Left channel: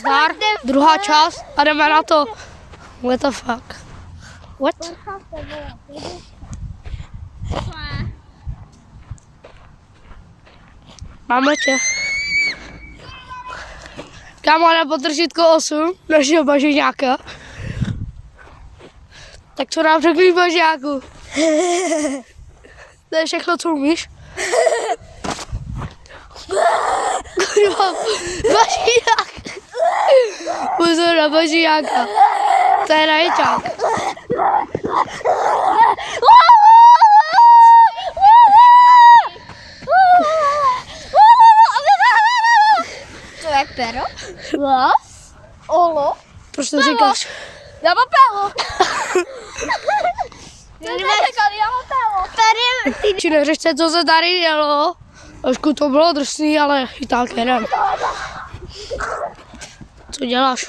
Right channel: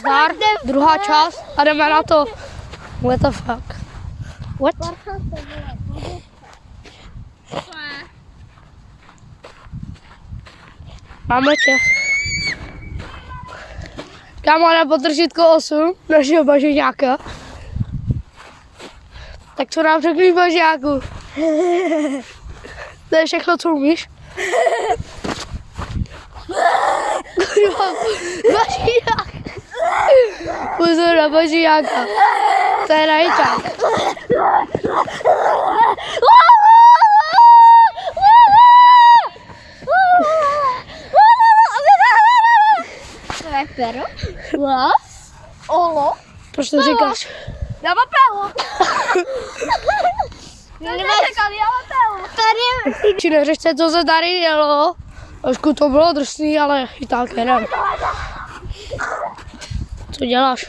Zdar, druhá část a jdeme na to. What the fuck? What? Máme tě. Kámo, na potržítko 8 našeho bažíňáka. Tak co nám řekli bažíňáku? To je všechno, co umíš. Bažíňák. Pozor na bažíňáka. To je najčák. To je pero? Olo? Proč to říkáš? Já mám pero. Či neřešte, co se tady dělo. Trošku to bylo drsný, ale i tak jenom. Co děláš?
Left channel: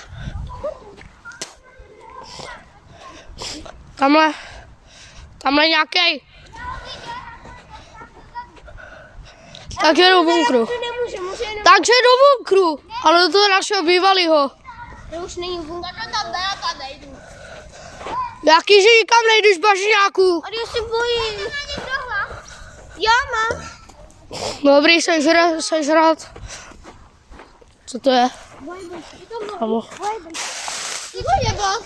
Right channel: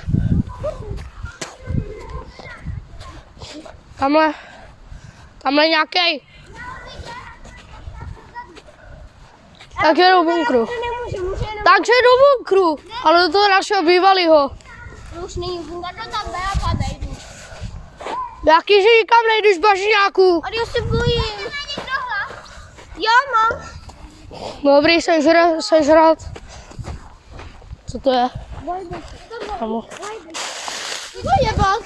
Tamhle nějaký. Takže do bunkru. Takže do bunkru. Ale do toho našeho bývalého. To už není bunkru. Tam nejdu. Jaký, že nikam nejdeš z bažíňáku? Ale já se bojím. Já mám. Dobrý, sežrat. Co to je? Kamo. Co je bol?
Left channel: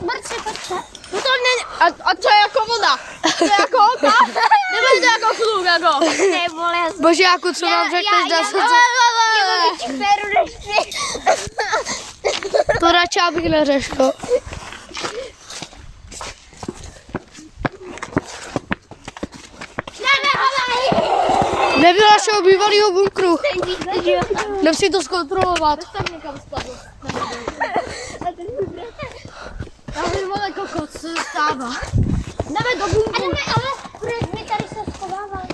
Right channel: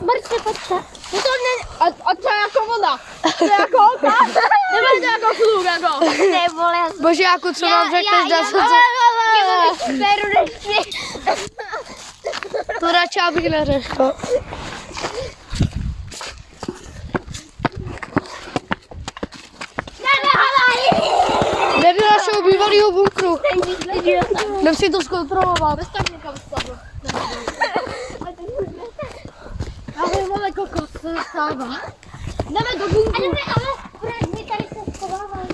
Mrci, počkej. No to není, a to je jako voda. To je jako voda. Nebo je to jako fluk, jako. Bažíňáku, co nám řekneš, dá se to? To radši abych neřeško. Jdem do našeho bývalého bunkru. Jdem si to zkontrolovat. Já vím, ale kokos se stává. Jdeme do bunkru. Ale my tady se schováváme.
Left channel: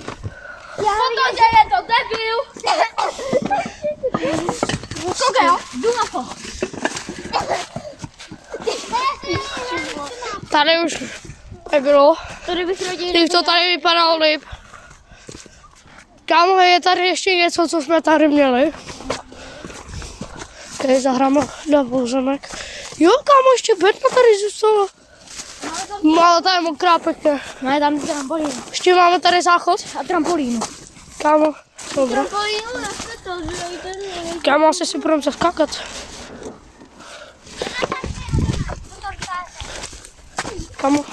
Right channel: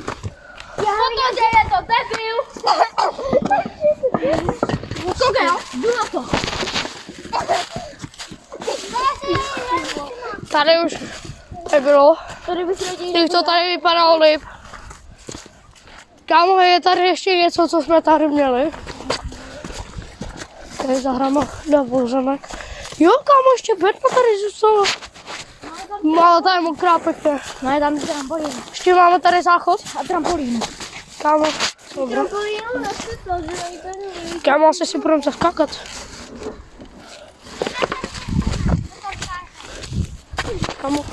Co to děje, to debil? Koukej, jdu na to. Tady už nebylo. Tady bych rodil. Líp to tady vypadalo líp. Kámo, je tady ještě něco, co jsme tady měli. Tady zahrama na pozemek. Jo, kámo, ještě bedna tady zůstala. Ale tady je mokrá pěkně. Ne, tam je trampolín. Ještě máme tady záchod. A trampolín. Kámo, dobré. Trampolínu nechci to, že nejde. Kámo, asi si budeme zaskákat. Kámo.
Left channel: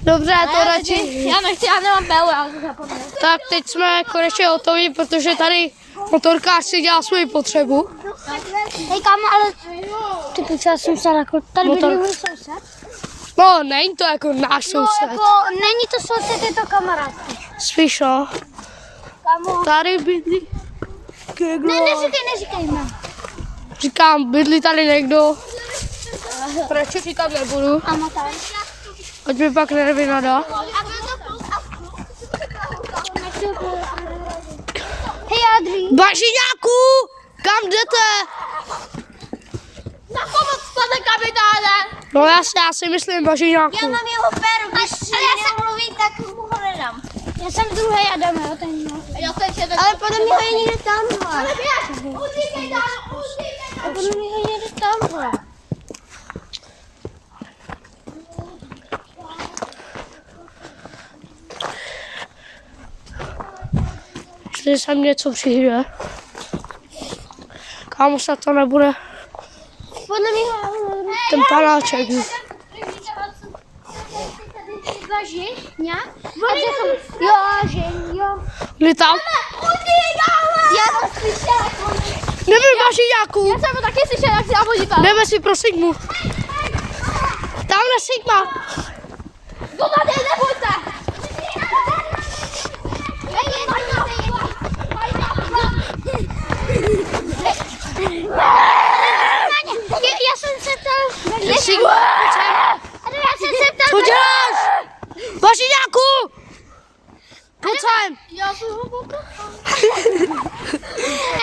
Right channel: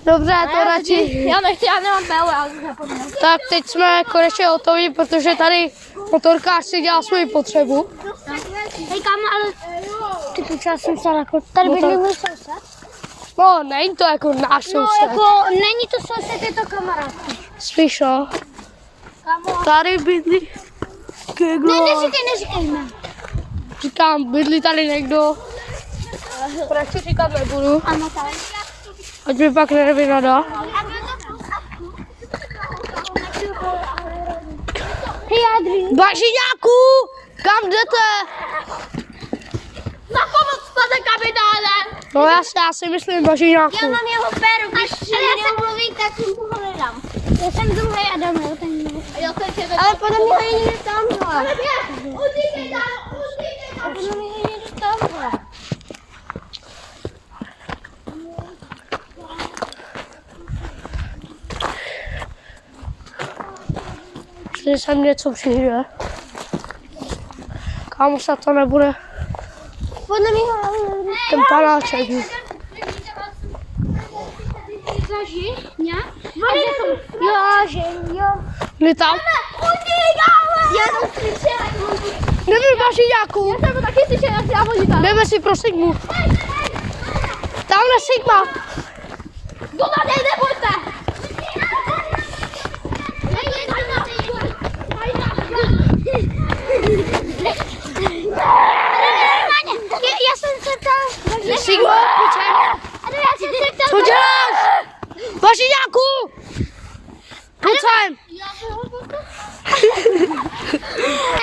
Dobře, to radši. Já nechci, já nemám pelu, já to zapomněl. Tak teď jsme konečně hotoví, protože tady motorkář si dělá svoji potřebu. Hej, kámo, ale ty počal jsem se jako, tady bydlí můj soused. No, není to jako náš soused. Jako, není to soused, je to kamarád. Spíš no. Kámo. Tady bydlí někdo. Ne, neříkej jméno. Říkám, bydlí tady někdo. Proč říkat nebudu, Kámo, tady. ať mi pak nevynadá. Hej, Adri. Bažíňáku, kam jdete? Na pomoc, pane kapitáne. No jasně, já si myslím Bažíňáku. Já mám jeho péru, když ale já jsem mluví, tak mu ho nedám. Já jsem druhý Adam, jo, ten měl. Ale podle mě ho je někdo tamhle. Ale běž, utíkej tam, utíkej tam. A podle mě ho je někdo tamhle. Jestli sem něco přijde. Kámo, se to nebude Podle mě ho... ten panáček. Žeňa? Jo, Žeňo. Byli tam? Já jsem slyšela, jak on... Jdeme Bažíňáku. Já jsem ho taky slyšela, jak si já podíval. Jdeme si pro Sigmu. Tamhle Sigma. Kdo tady nebojte! Já jsem se tam... Sigma, pojď sem. Já jsem se tam... Co děláš? Bažíňáku! Pojď sem. Já jsem ho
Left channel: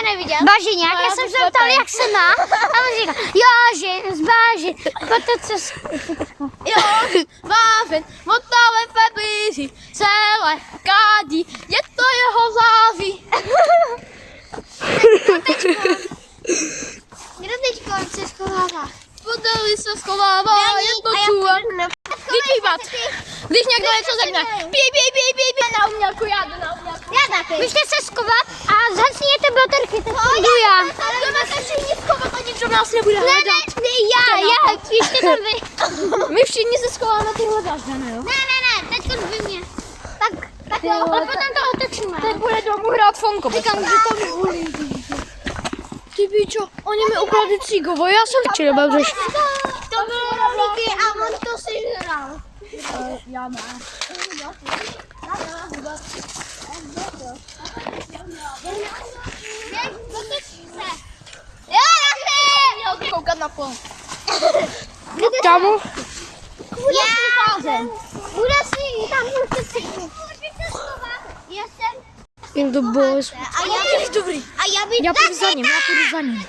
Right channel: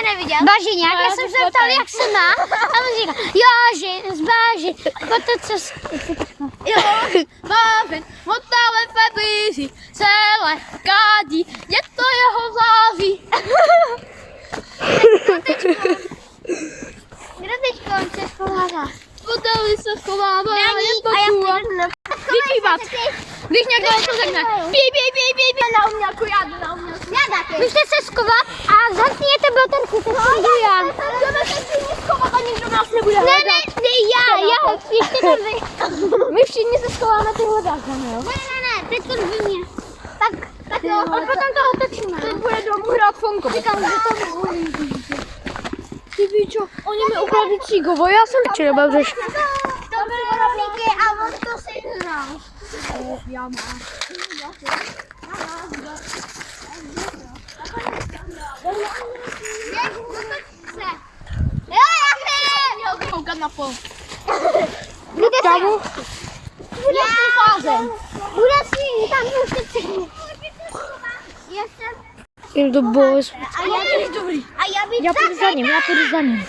neviděl. Bažiňák, já jsem se ptal, jak se má. A on říká, jo, že zbáži. Potom co... Jo, bážen, motáme febríři, celé kádí, je to jeho září. Kdo teďko se schovává? Podeli se schovává, je to čůva. Když někdo něco řekne, pí. Na umělku, já jdu na umělku. Já taky. Můžete se schovat a zasněte baterky, tak to jdu já. Jdeme se všichni schovat a nikdo nás nebude hledat. Ne, já, ještě to vy. My všichni se schováme, ty hledáš, ne jo? Ne, teď to vy mě. Tak jo, a potom to otočíme. Teď bude domů hrát Fonko. Říkám, že to volí. Ty pičo, oni mi ukradli cígovo, já jsem či nebudeš. To bylo rohlíky a on to si hrál. Já mám. Jo, Koukat na pol. tam. Já Bude si tam můžete. Já jsem. in the boys. A já bych dobrý. A já bych Já půjdu za ním.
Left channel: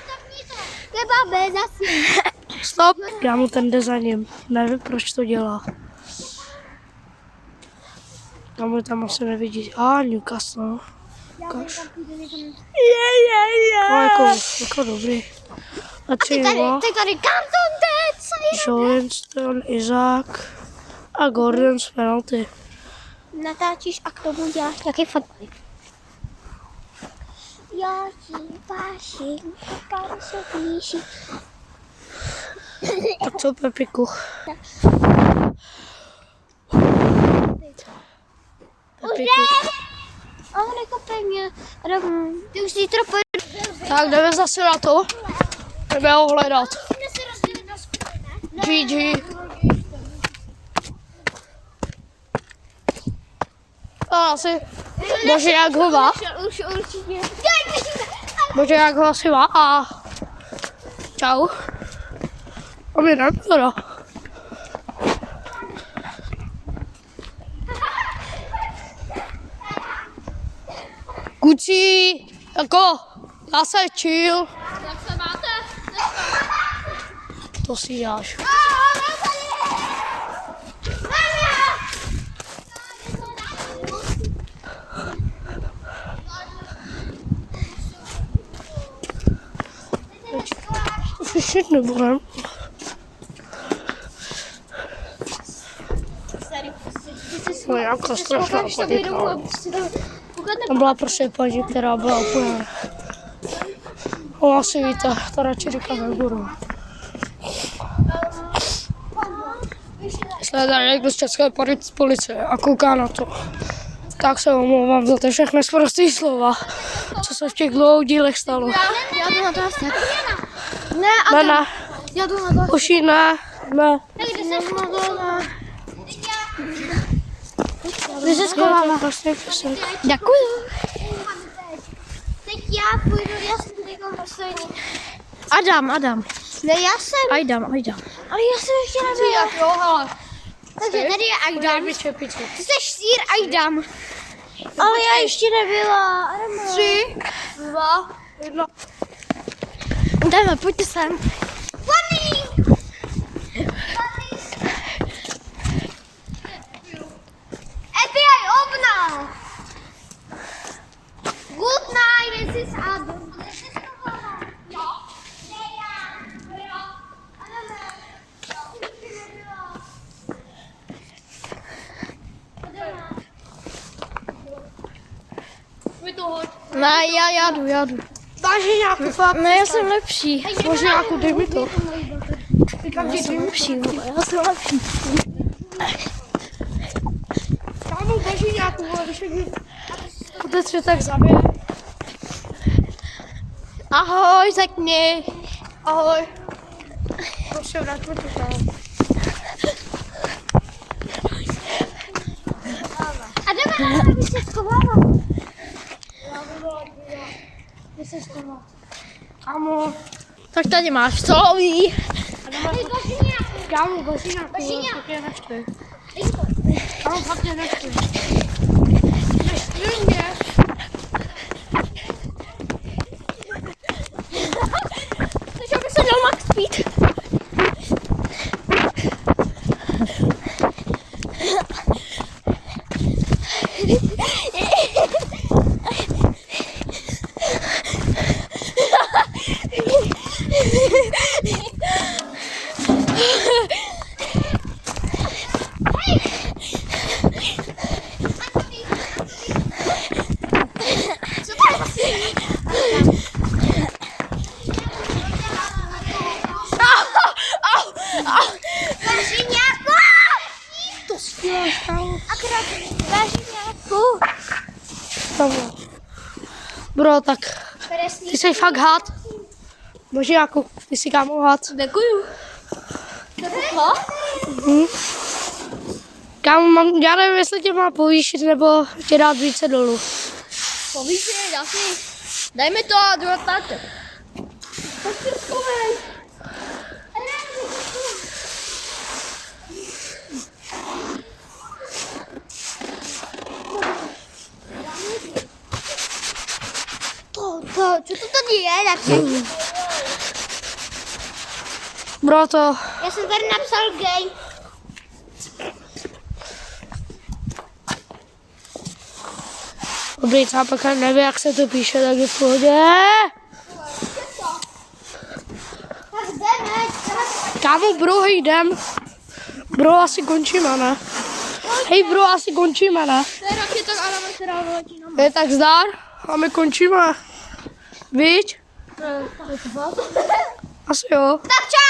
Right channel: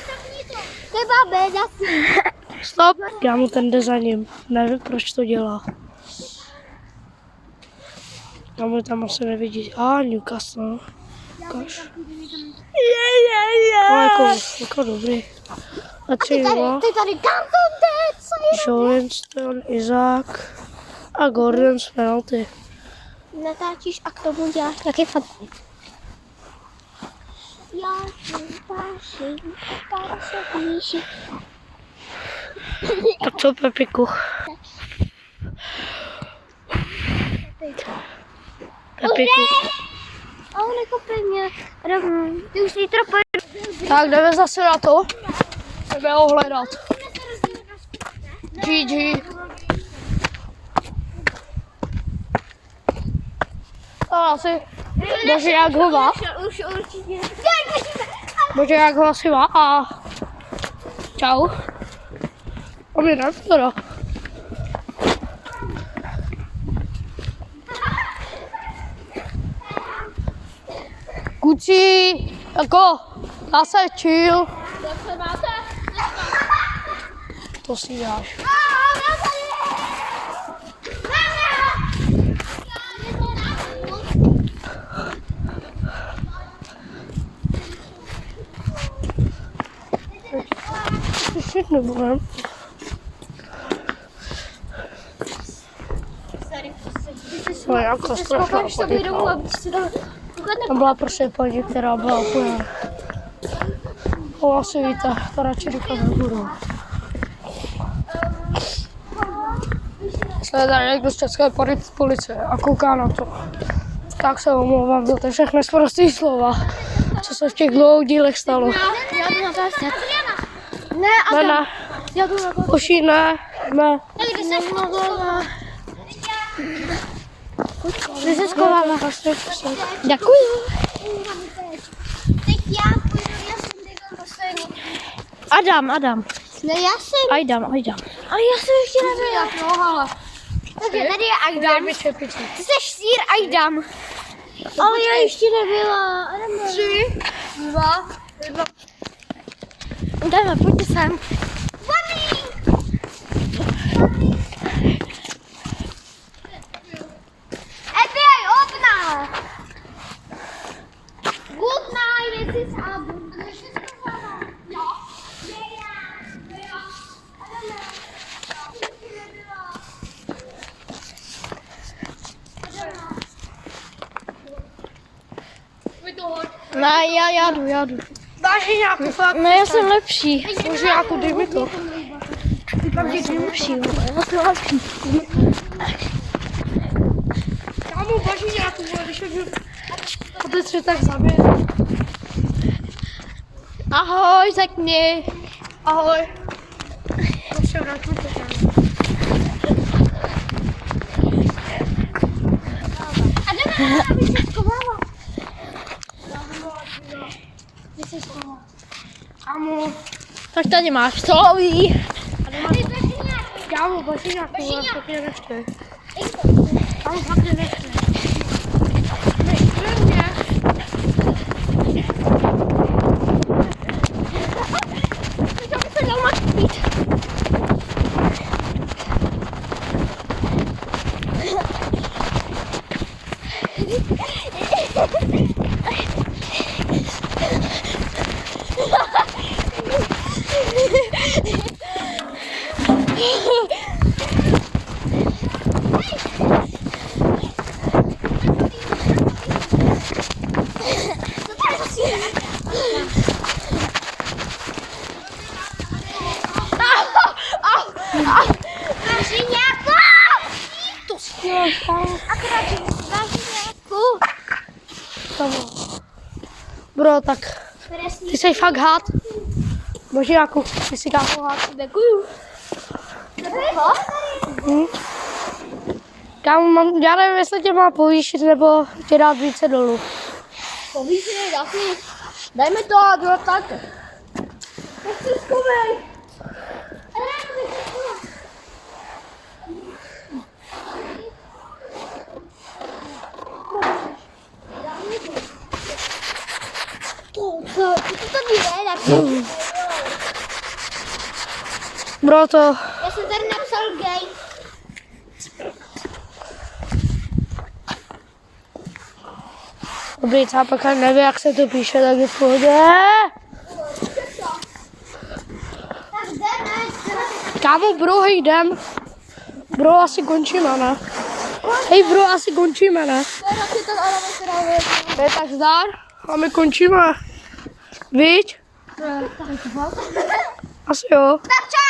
To je babé, zase. Stop. Já mu ten jde za ním. Nevím, proč to dělá. A mu tam asi nevidí. Newcastle. Ukáž. Jako dobrý. A Chilwell, Ty tady Canton Dead, co je? Joenston, Isaac a Gordon z penalty. Natáčíš a k tomu děláš taky fotky. Já ti váším, pár se blíží. Tak co, Pepiku? Pepiku. Ale nekopej mě. Ty už zítra pojedu. Tak jdeme zase na to. Jdeme ho hledat. GG. A asi. Bože, jak ho má? Už určitě. Bože, jak ho asi má? A čau. A my jdeme teda. Kuci, jako, zase chill. Jak se máte? To si dáš. Slyšet nebudem. No jako strašná chodíka. Tam byla prostě paní, která byla úplně... No asi víte, to radši říkat nebudu. Jestli je tady někdo z České policie a kouká na to, tak se omlouvám za ty všechny sprostý slova, co se v těch dlouhých dílech stalo. Já jdu na to. Ne. Já jdu na to. Uši, ne. Vy se schováme. Děkuji. Teď já půjdu, já jsem teď poslední. Adam. Ne, já jsem. Ajdam. Ale já jsem ještě nebyla. Jo, hele. Takže tady je Ajdam. Ty jsi sír Ajdam. Ale já ještě nebyla. 3, 2, 1. Jdeme, pojďte sem. Mami! FBI, open up! Good night, this is Adam. Ne, já jdu. Dáš nějakou fakt? Ne, já jsem lepší. Možná nějakou, dej mi to. Já jsem lepší. Kámo, baží nějakou, když je poté se tak zabije. Ahoj, řekni. Ahoj. To se vrátí tam. Adam, aby se schovala. Kámo. Tak tady máš, co ví? Kámo, baží nějakou, ale tak mě nečte. Kámo, fakt mě nečte. Já bych se měl Max pít. bro, tak ty jsi fakt had. Bože, jako, ty jsi kámo had. Děkuju. Kámo, já nevím, jestli tě má povýšit, nebo tě dát více dolů. Povýšený, daj mi to, druhá táte. Tak to zkoumej. To je, tak Bro, to... já jsem tady napsal gay. Dobrý, cápek, nevím, jak se to píše, tak je v pohodě. Tak jdeme. Kámo, bro, hej, jdem. Bro, asi končíme, ne? Hej, bro, asi končíme, ne? To je roky, tak Adam se dává. Jo, tak zdar a my končíme. Víš? Asi jo. Tak čau.